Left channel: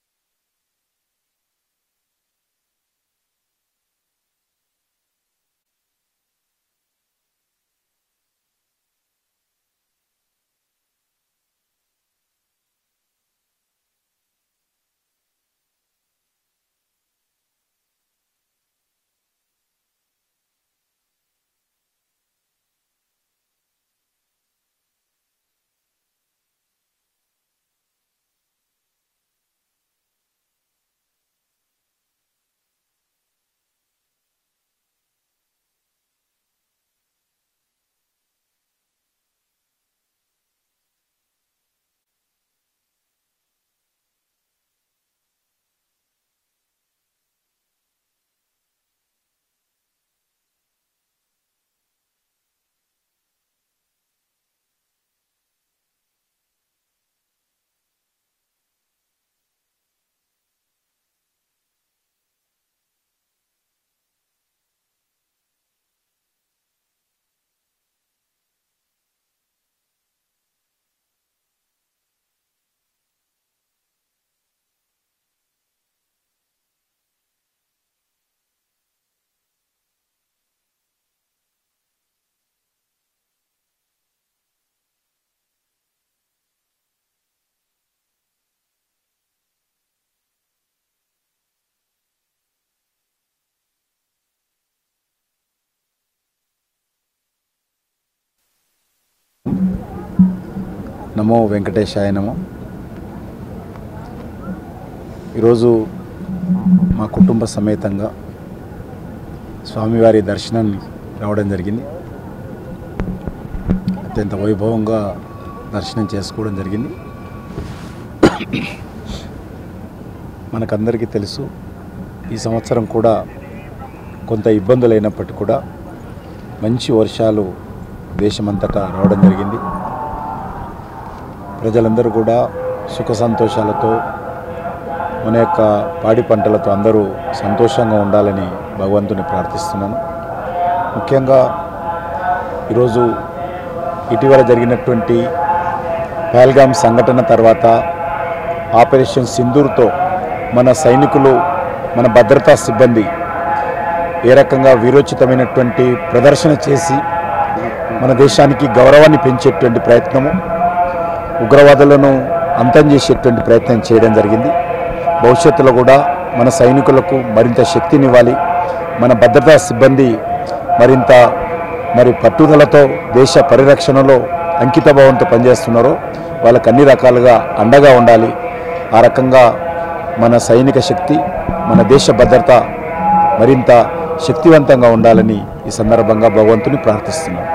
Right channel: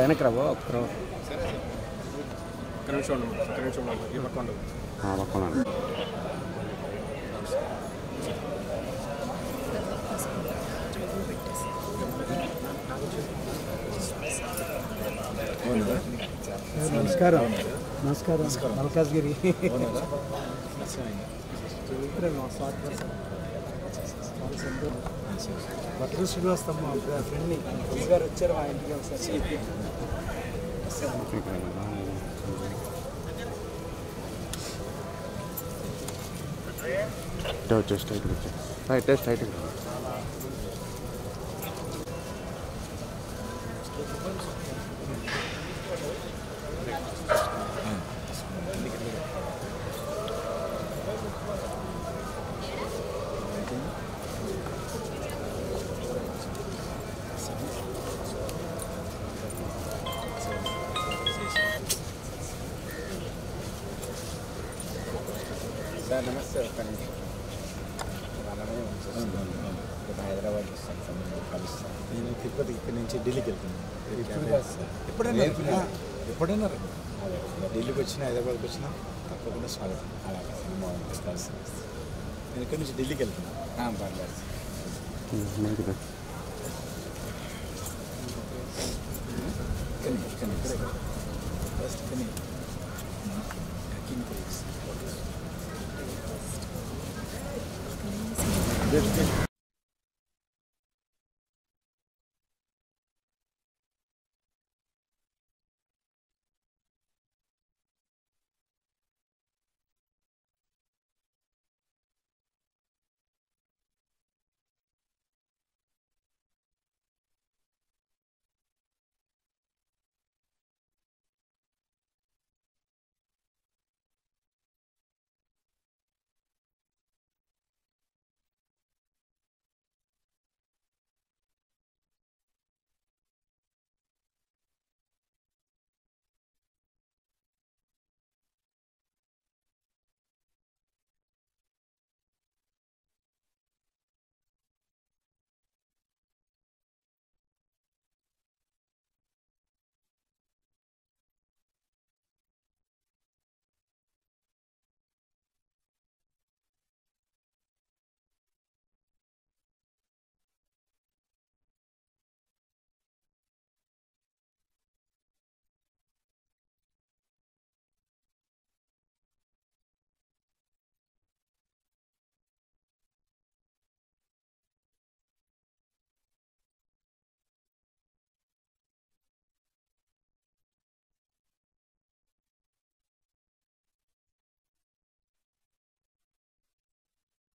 వెనక్కి రాబో ఒక్క నిమిషం ఈ పక్కన నమస్కారం నమస్కారం మల్కాజ్గిరి బట్టలు శ్రీనివాస్ తమ్మ ఫ్రెండ్ని గారు వచ్చారు మా ఇంటికి ఒకసారి టెస్ట్ సార్ నమస్తే. హైదరాబాద్ వస్తాను, కలుస్తాను. నేను తిరుపతి ఇక్కడి నుంచి ఢిల్లీకి వెళ్తున్నాను. ఎప్పుడైనా ఢిల్లీకి వచ్చినా హైదరాబాద్కి వచ్చినా తప్పకుండా స్వాగతం. అలాగే సినిమా నేను ఇక్కడి నుంచి ఢిల్లీకి వెళ్తున్నాను. పర్లేదు. నమో వెంకటేశాయ నమో. ఈరోజు మా కుటుంబ సమేతంగా స్వామివారి దర్శనాన్ని రావడం జరిగింది. అత్యంత వైభవంగా దర్శనం చేసుకోవడం జరిగింది. మనకందరికీ తెలుసు, ఈ సంవత్సరం కూడా కొంత ఇబ్బందులు అయినప్పటికీ కూడా మంచి వర్షాలు దేశమంతటా రావడం జరిగింది. ప్రజలందరూ కూడా సుఖ సంతోషాలతో మన యొక్క పాడి పంటలతో అందరూ సంతోషంగా ఉండాలని భగవంతుని ప్రార్థిస్తున్నాను. ముఖ్యంగా ఈరోజు ఇటీవల జరిగినటువంటి పహల్గామ్ సంఘటన తర్వాత ఆపరేషన్ సింధూర్తో మన సైనికులు, మన భద్రతా సిబ్బంది ఏ రకంగా వీరోచితమైనటువంటి ప్రదర్శన చేసి మన దేశానికి గౌరవాన్ని పెంచేటువంటి ప్రయత్నము, ఉగ్రవాదులను అంతం చేసేటువంటి ప్రయత్నం చేయడం జరిగింది. భవిష్యత్తులో కూడా మన సైనికులకు మరింత శక్తినివ్వాలి. మన భద్రతా సిబ్బంది మరింత పట్టుదలతో దేశ పరిరక్షణలో అంకితభావంతో పనిచేస్తున్నారో వాళ్ళకు అన్ని రకాలుగా అండగా ఉండాలి. ఆ రకంగా మన సైనిక శక్తి, మన దేశ భద్రత మరింత శక్తివంతంగా ఉండాలని ఈ సందర్భంగా భగవంతుని ప్రార్థిస్తున్నాను.